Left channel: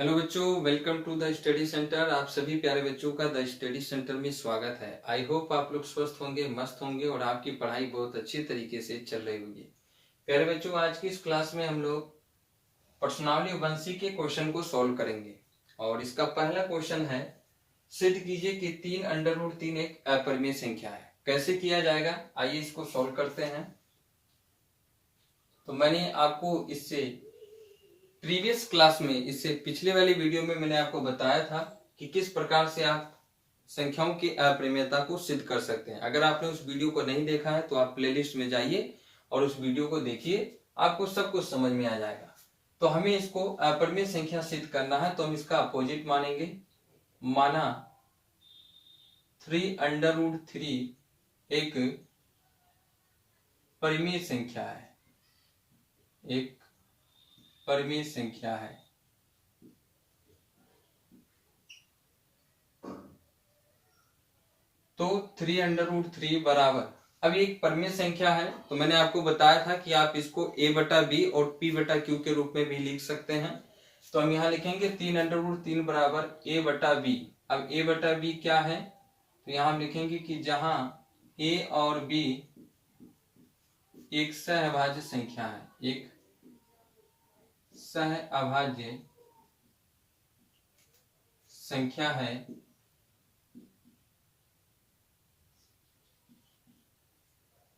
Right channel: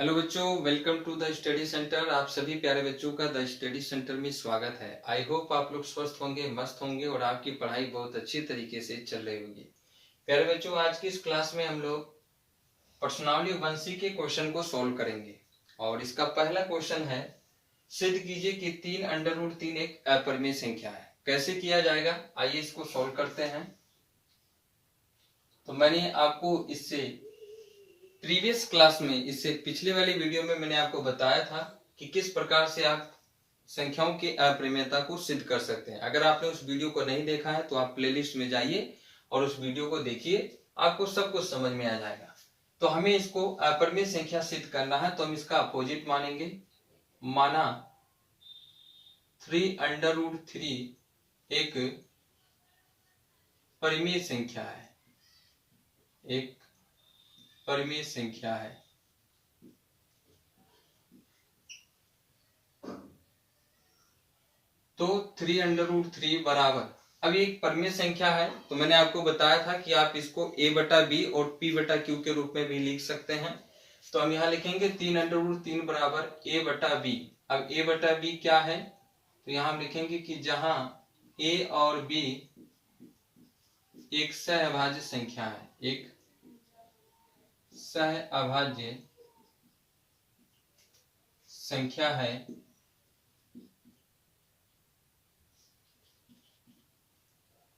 Hello बच्चों, welcome to the study centre. आप सभी प्यारे बच्चों का द स्टडी सेंटर में स्वागत है। आई होप आप लोग स्वस्थ होंगे, मस्त होंगे और आपकी पढ़ाई बहुत अच्छी तरीके से चल रही होगी। प्यारे बच्चों, आज की इस क्लास में हम लोग प्रश्नावली वंशी के क्वेश्चन को सॉल्व करेंगे और इसका पहला क्वेश्चन है, सिद्ध कीजिए कि 3√3 एक अपरिमेय संख्या है। कैसे किया जाएगा, आइए इसको सॉल्व करते हैं। तो मैंने आपको इससे प्रीवियस क्लास में, इससे पिछले वाली वीडियो में मैंने आपको बताया था कि किस प्रकार से आप संख्याओं की अपरिमेयता को सिद्ध कर सकते हैं। अगर आपने उस वीडियो को नहीं देखा है तो आप प्लेलिस्ट में जाइए और उस वीडियो को देखिए, आपको सब कुछ समझ में आ जाएगा। तो हमें इसको अपरिमेय संख्या सिद्ध करना है, तो हम इसका अपोजिट मानेंगे। माना 3√3 एक परिमेय संख्या है, एक परिमेय संख्या है। तो 3√3 बराबर, अब एक परिमेय संख्या है तो मैंने आपको बताया था कि आप इसको a/b और p/q के रूप में भी लिख सकते हैं। तो हम यहाँ लिखेंगे 3√3 बराबर a/b। अब a/b क्या है, तो यहाँ हम लिखेंगे कि जहां a और b एक सहअभाज्य संख्या है, एक सहअभाज्य संख्या है,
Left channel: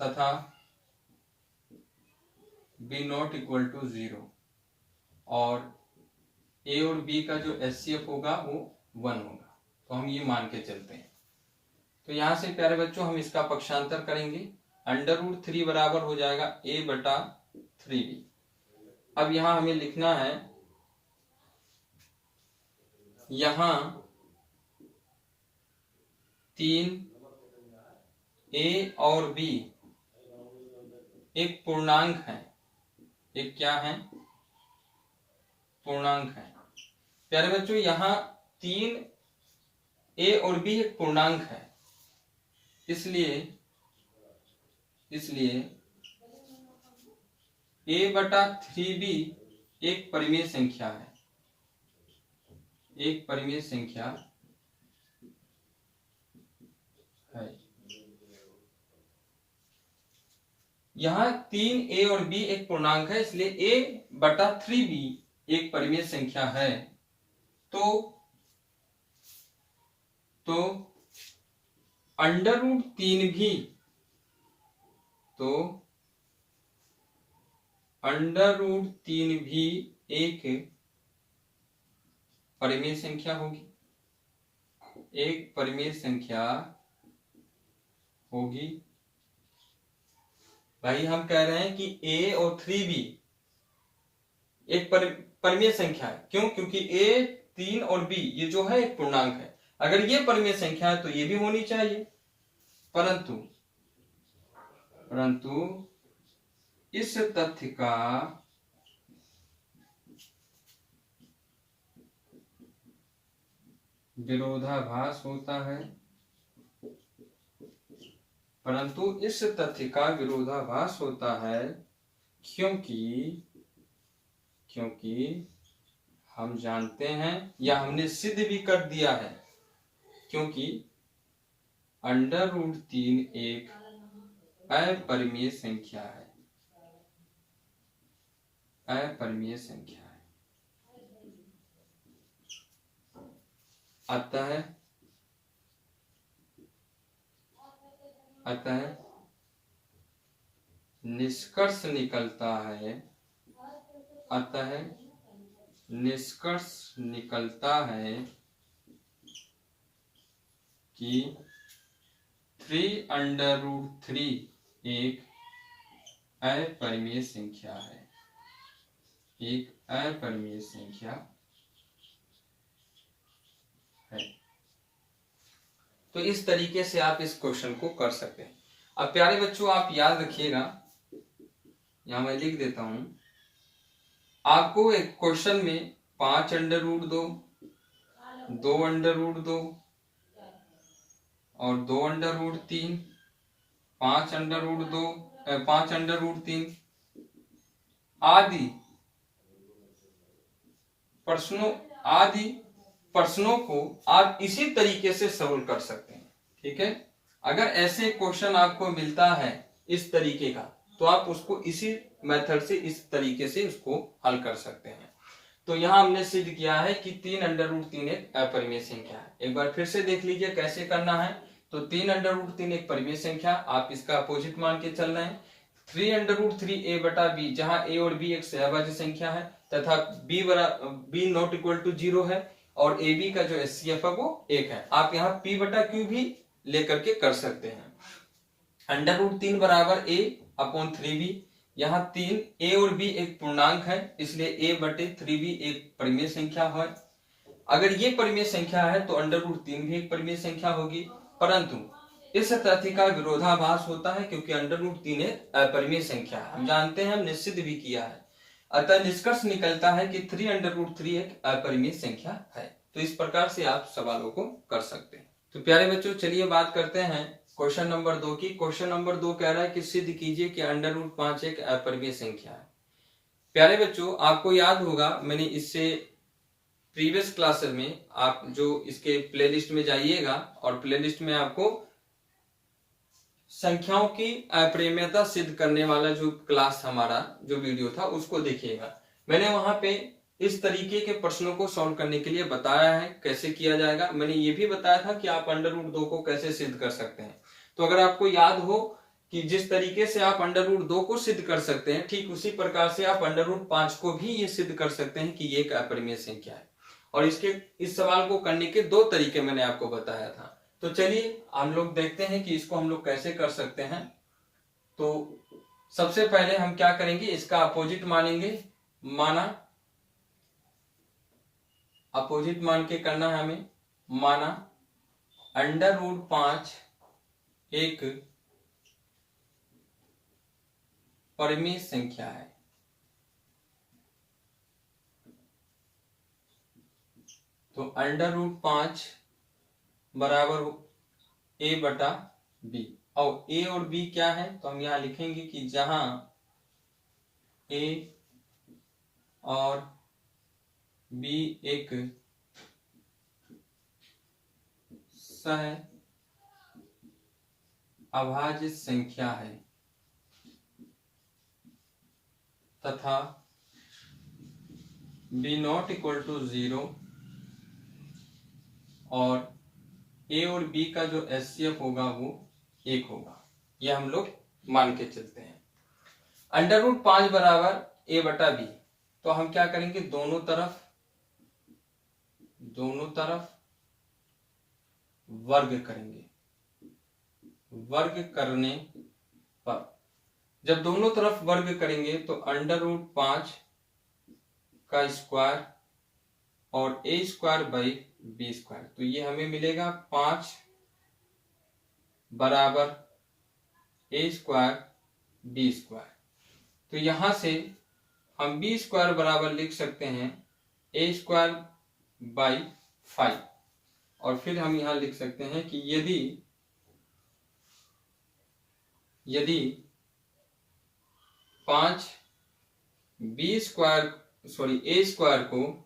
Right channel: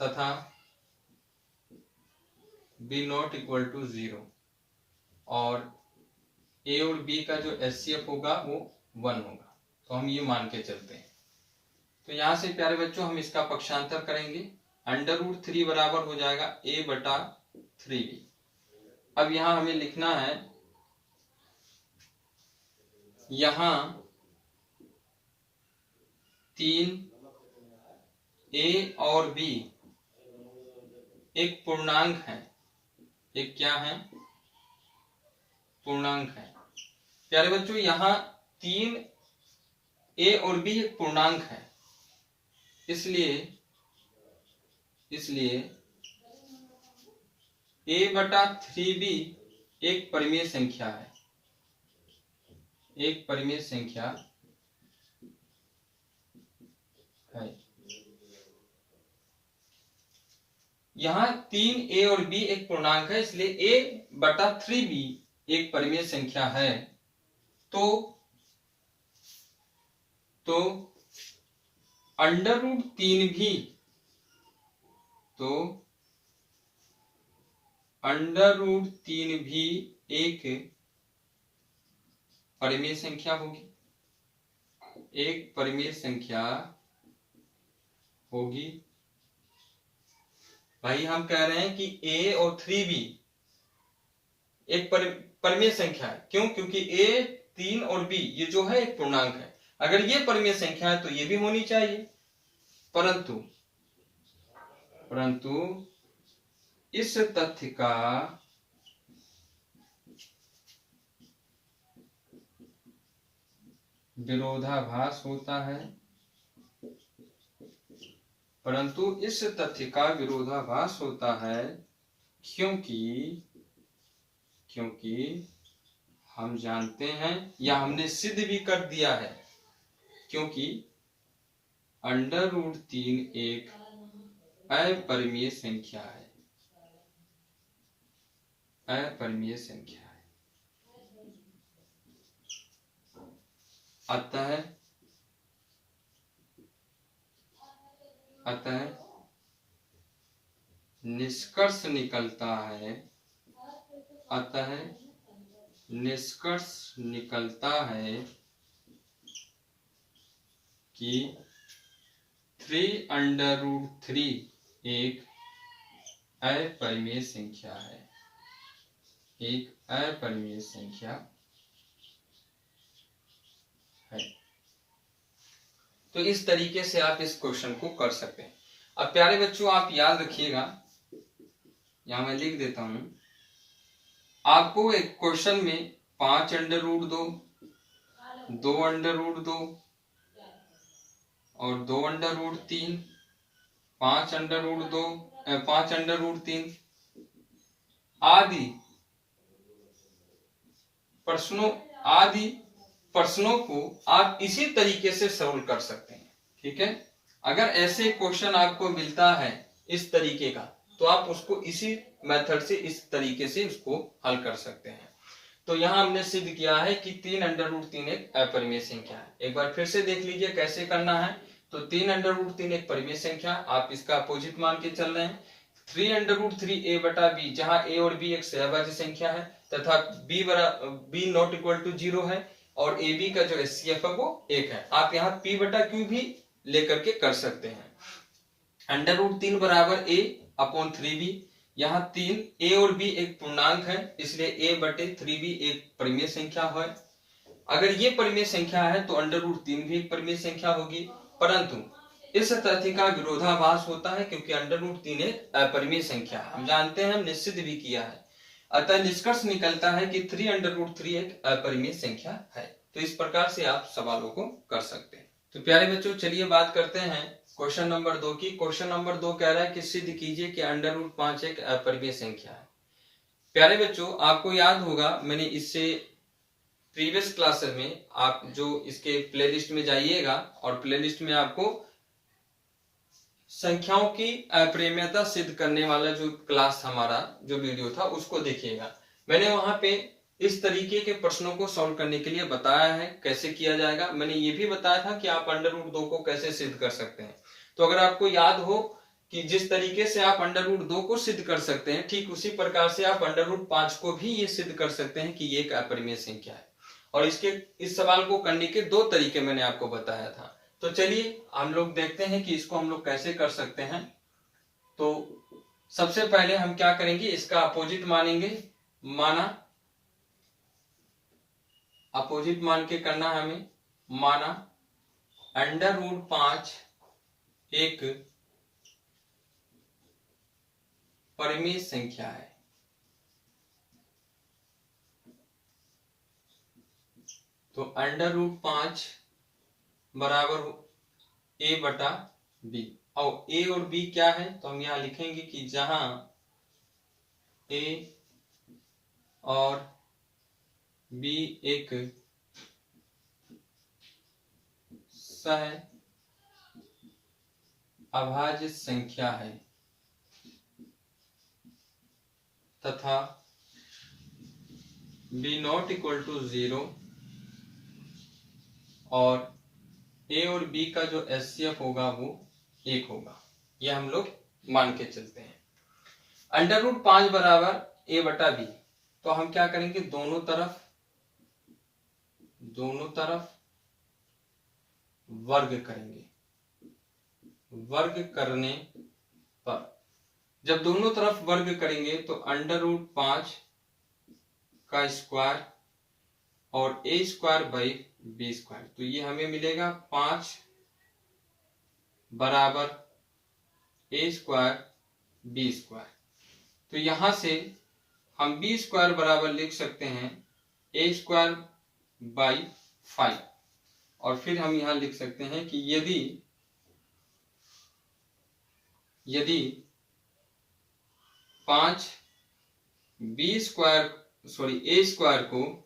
तथा b≠0 और a और b का जो HCF होगा वो 1 होगा। तो हम ये मान के चलते हैं। तो यहां से प्यारे बच्चों हम इसका पक्षांतर करेंगे। √3 बराबर हो जाएगा a/3b। अब यहां हमें लिखना है, यहां 3 a और b एक पूर्णांक है। एक क्या है, पूर्णांक है। प्यारे बच्चों, यहाँ 3 a और b एक पूर्णांक है, इसलिए a/3b एक परिमेय संख्या है, एक परिमेय संख्या है। यहाँ 3 a और b एक पूर्णांक है, इसलिए a/3b एक परिमेय संख्या है। तो √3 भी, तो √3 भी एक परिमेय संख्या होगी, एक परिमेय संख्या होगी। भाई हम कह रहे हैं कि a और 3b एक परिमेय संख्या है। क्यों? क्योंकि a 3 और b ये जो है एक पूर्णांक है। अगर ये परिमेय संख्या है तो ये भी होनी चाहिए, परंतु इस तथ्य का विरोधाभास होता है, परंतु इस तथ्य का विरोधाभास होता है क्योंकि हम जानते हैं, या हमने सिद्ध भी कर दिया है, क्योंकि √3 एक अपरिमेय संख्या है, अपरिमेय संख्या है। अतः निष्कर्ष निकलता है कि 3√3 एक अपरिमेय संख्या है, एक अपरिमेय संख्या है। तो इस तरीके से आप इस क्वेश्चन को कर सकते हैं। अब प्यारे बच्चों, आप याद रखिएगा, यहां मैं लिख देता हूं, आपको एक क्वेश्चन में 5√2, 2√2 और 2√3, 5√2, 5√3 आदि प्रश्नों आदि प्रश्नों को आप इसी तरीके से सॉल्व कर सकते हैं। ठीक है, अगर ऐसे क्वेश्चन आपको मिलता है इस तरीके का, तो आप उसको इसी मेथड से, इस तरीके से उसको हल कर सकते हैं। तो यहाँ हमने सिद्ध किया है कि 3√3 एक अपरिमेय संख्या है। एक बार फिर से देख लीजिए कैसे करना है। तो 3√3 एक परिमेय संख्या, आप इसका अपोजिट मान के चल रहे हैं। 3√3 a बटा b, जहां a और b एक सहभाज्य संख्या है तथा b नॉट इक्वल टू 0 है और ab का जो HCF है वो 1 है। आप यहाँ p बटा q भी लेकर के कर सकते हैं। √3 बराबर a अपॉन 3b, यहाँ 3 a और b एक पूर्णांक है, इसलिए a बटे 3b एक परिमेय संख्या है। अगर ये परिमेय संख्या है तो √3 भी एक परिमेय संख्या होगी, परंतु इस तथ्य का विरोधाभास होता है क्योंकि √3 एक अपरिमेय संख्या है। हम जानते हैं, हम निश्चित भी किया है। अतः निष्कर्ष निकलता है कि 3√3 एक अपरिमेय संख्या है। तो इस प्रकार से आप सवालों को कर सकते हैं। तो प्यारे बच्चों, चलिए बात करते हैं क्वेश्चन नंबर 2 की। क्वेश्चन नंबर 2 कह रहा है कि सिद्ध कीजिए कि √5 एक अपरिमेय संख्या है। प्यारे बच्चों, आपको याद होगा, मैंने इससे प्रीवियस क्लास में, आप जो इसके प्लेलिस्ट में जाइएगा और प्लेलिस्ट में आपको संख्याओं की अपरिमेयता सिद्ध करने वाला जो क्लास हमारा जो वीडियो था उसको देखिएगा। मैंने वहां पे इस तरीके के प्रश्नों को सॉल्व करने के लिए बताया है कैसे किया जाएगा। मैंने ये भी बताया था कि आप √2 को कैसे सिद्ध कर सकते हैं। तो अगर आपको याद हो कि जिस तरीके से आप √2 को सिद्ध कर सकते हैं, ठीक उसी प्रकार से आप √5 को भी ये सिद्ध कर सकते हैं कि ये एक अपरिमेय संख्या है। और इस सवाल को करने के 2 तरीके मैंने आपको बताया था। तो चलिए हम लोग देखते हैं कि इसको हम लोग कैसे कर सकते हैं। तो सबसे पहले हम क्या करेंगे, इसका अपोजिट मानेंगे। अपोजिट मान के करना है हमें। माना √5 एक परिमेय संख्या है। तो √5 बराबर a बटा b। और a और b क्या है, तो हम यहां लिखेंगे कि जहां a और b एक सह अभाज्य संख्या है तथा b नॉट इक्वल टू 0 और a और b का जो HCF होगा वो 1 होगा। यह हम लोग मान के चलते हैं। √5 बराबर a बटा b, तो हम क्या करेंगे, दोनों तरफ वर्ग करेंगे। वर्ग करने पर जब दोनों तरफ वर्ग करेंगे तो √5 का स्क्वायर और a² बाई b², तो ये हमें मिलेगा 5 बराबर a² b²। तो यहां से हम b² बराबर लिख सकते हैं a² बाई 5। और फिर हम यहां लिख सकते हैं कि यदि 5 a² को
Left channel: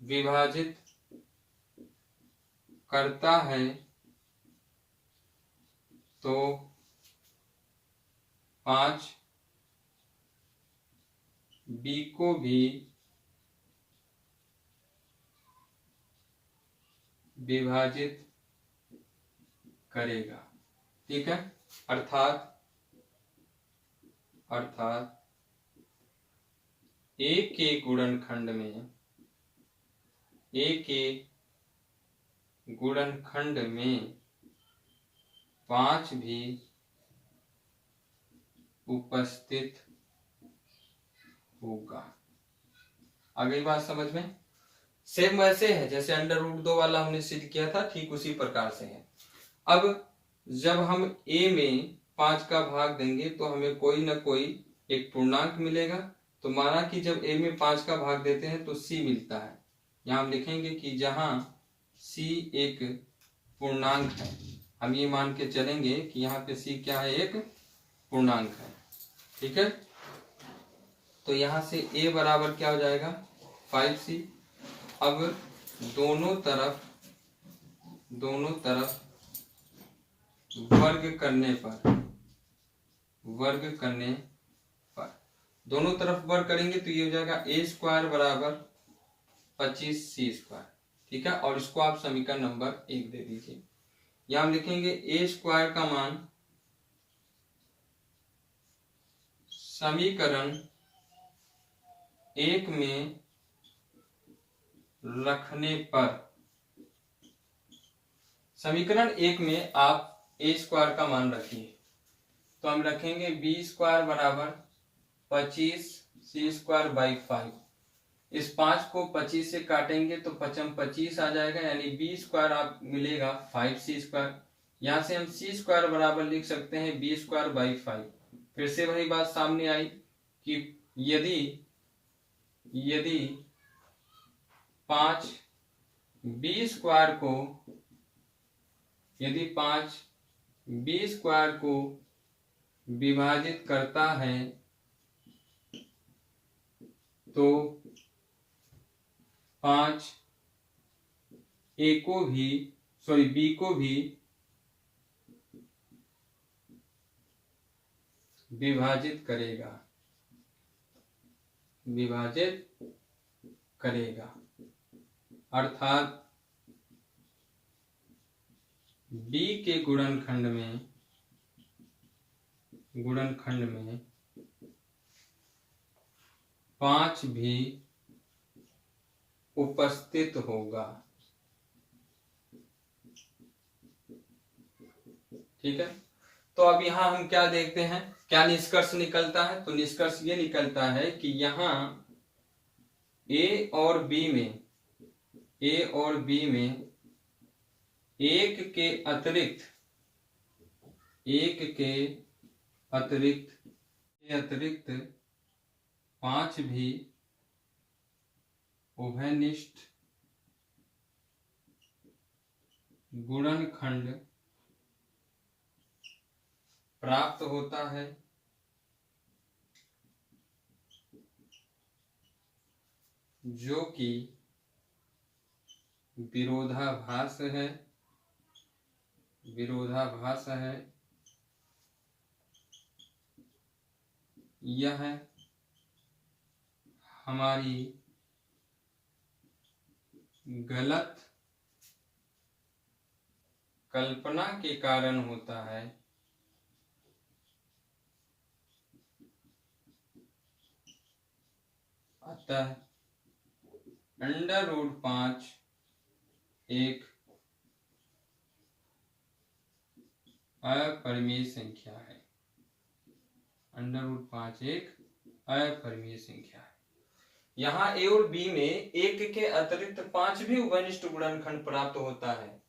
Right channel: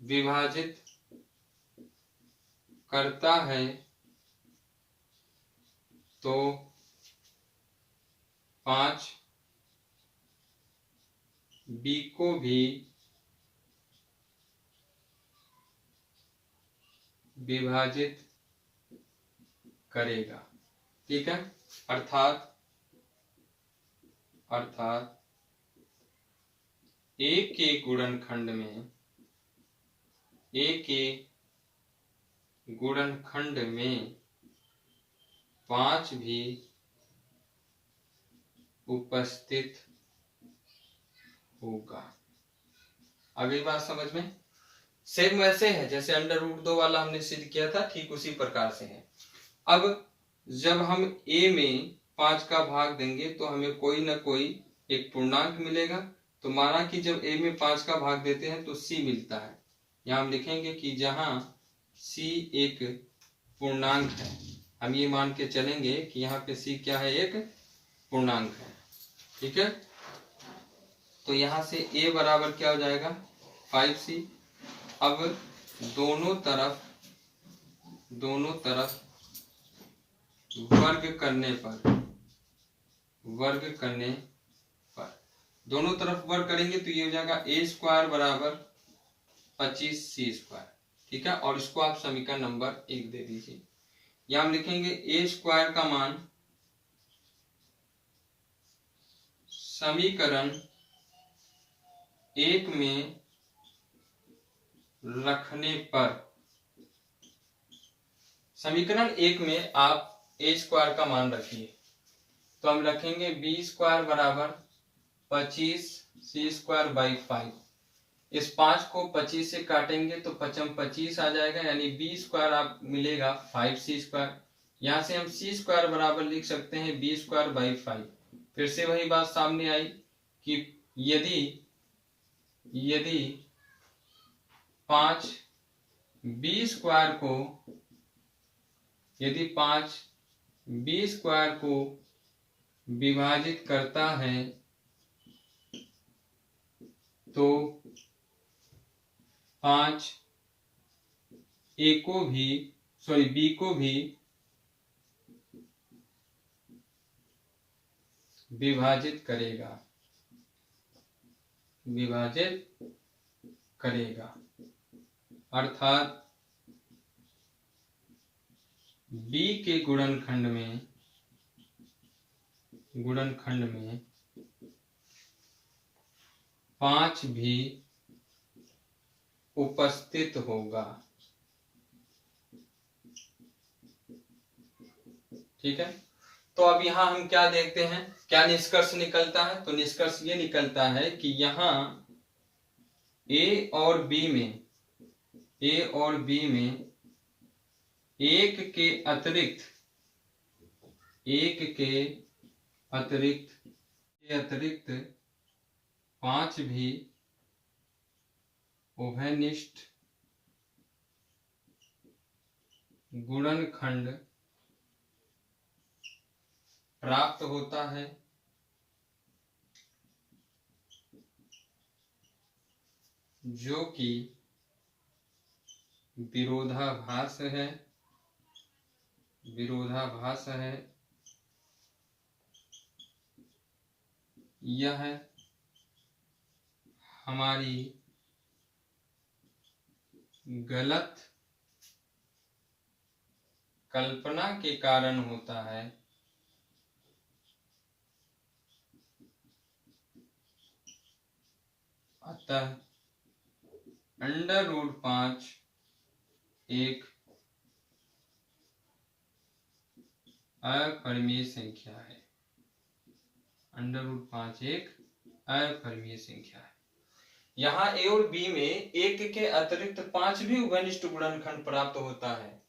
विभाजित करता है तो 5 b को भी विभाजित करेगा। ठीक है, अर्थात a के गुणनखंड में 5 भी उपस्थित होगा। आ गई बात समझ में? सेम वैसे है जैसे √2 वाला हमने सिद्ध किया था, ठीक उसी प्रकार से है। अब जब हम a में 5 का भाग देंगे तो हमें कोई ना कोई एक पूर्णांक मिलेगा। तो माना कि जब a में 5 का भाग देते हैं तो c मिलता है। यहाँ हम लिखेंगे कि जहां c एक पूर्णांक है, हम ये मान के चलेंगे कि यहाँ पे c क्या है, एक पूर्णांक है। ठीक है, तो यहाँ से a बराबर क्या हो जाएगा 5c। अब दोनों तरफ वर्ग करने पर दोनों तरफ वर्ग करेंगे तो ये हो जाएगा a² बराबर 25c²। ठीक है, और इसको आप समीकरण नंबर 1 दे दीजिए। यहां हम लिखेंगे a² का मान समीकरण 1 में रखने पर, समीकरण 1 में आप a² का मान रखिए तो हम रखेंगे b² बराबर 25c²/5। इस 5 को 25 से काटेंगे तो 25 आ जाएगा, यानी b² आप मिलेगा 5c²। यहाँ से हम c² बराबर लिख सकते हैं b²/5। फिर से वही बात सामने आई कि यदि 5 b² को विभाजित करता है तो 5 b को भी विभाजित करेगा, अर्थात b के गुणनखंड में 5 भी उपस्थित होगा। ठीक है, तो अब यहाँ हम क्या देखते हैं, क्या निष्कर्ष निकलता है? तो निष्कर्ष ये निकलता है कि यहाँ A और B में एक के अतिरिक्त 5 भी उभयनिष्ठ गुणनखंड प्राप्त होता है, जो कि विरोधाभास है। यह हमारी गलत कल्पना के कारण होता है। अतः √5 एक अपरिमेय संख्या है। √5 एक अपरिमेय संख्या है। यहाँ A और B में एक के अतिरिक्त 5 भी उभयनिष्ठ गुणनखंड प्राप्त होता है,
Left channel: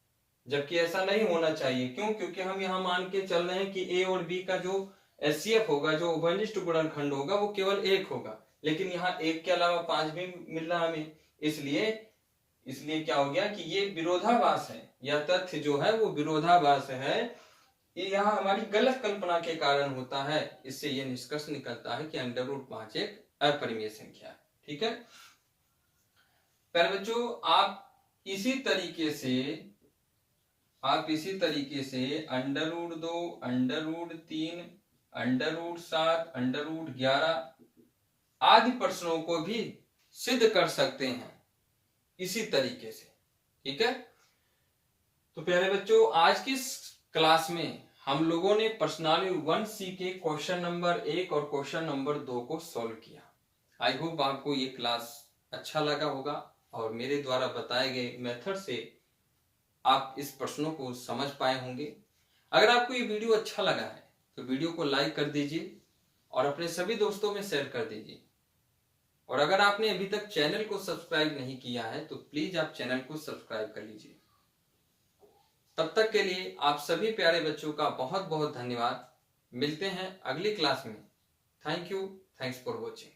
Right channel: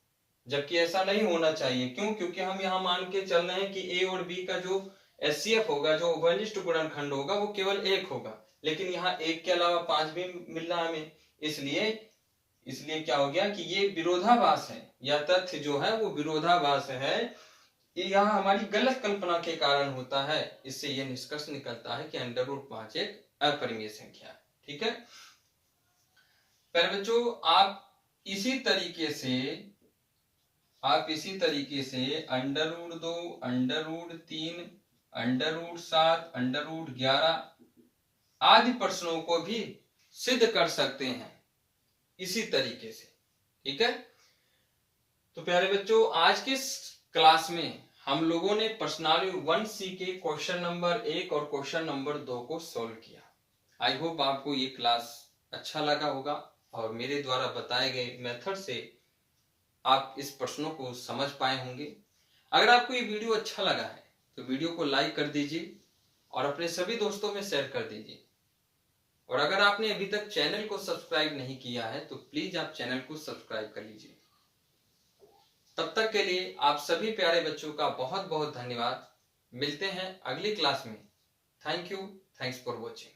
जबकि ऐसा नहीं होना चाहिए। क्यों? क्योंकि हम यहाँ मान के चल रहे हैं कि A और B का जो HCF होगा, जो उभयनिष्ठ गुणनखंड होगा, वो केवल 1 होगा, लेकिन यहाँ 1 के अलावा 5 भी मिल रहा है हमें। इसलिए क्या हो गया कि ये विरोधाभास है, यह तथ्य जो है वो विरोधाभास है। ये यहाँ हमारी गलत कल्पना के कारण होता है। इससे ये निष्कर्ष निकलता है कि √5 एक अपरिमेय संख्या है। ठीक है प्यारे बच्चों, आप इसी तरीके से √2, √3, √7, √11 आदि प्रश्नों को भी सिद्ध कर सकते हैं इसी तरीके से। ठीक है, तो प्यारे बच्चों, आज की क्लास में हम लोगों ने प्रश्नावली 1C के क्वेश्चन नंबर 1 और क्वेश्चन नंबर 2 को सॉल्व किया। आई होप आपको ये क्लास अच्छा लगा होगा और मेरे द्वारा बताए गए मेथड से आप इस प्रश्नों को समझ पाए होंगे। अगर आपको ये वीडियो अच्छा लगा है तो वीडियो को लाइक कर दीजिए और अपने सभी दोस्तों में शेयर कर दीजिए। और अगर आपने अभी तक चैनल को सब्सक्राइब नहीं किया है तो प्लीज आप चैनल को सब्सक्राइब कर लीजिए। तब तक के लिए आप सभी प्यारे बच्चों का बहुत बहुत धन्यवाद। मिलते हैं अगली क्लास में। Thank you, thanks for watching.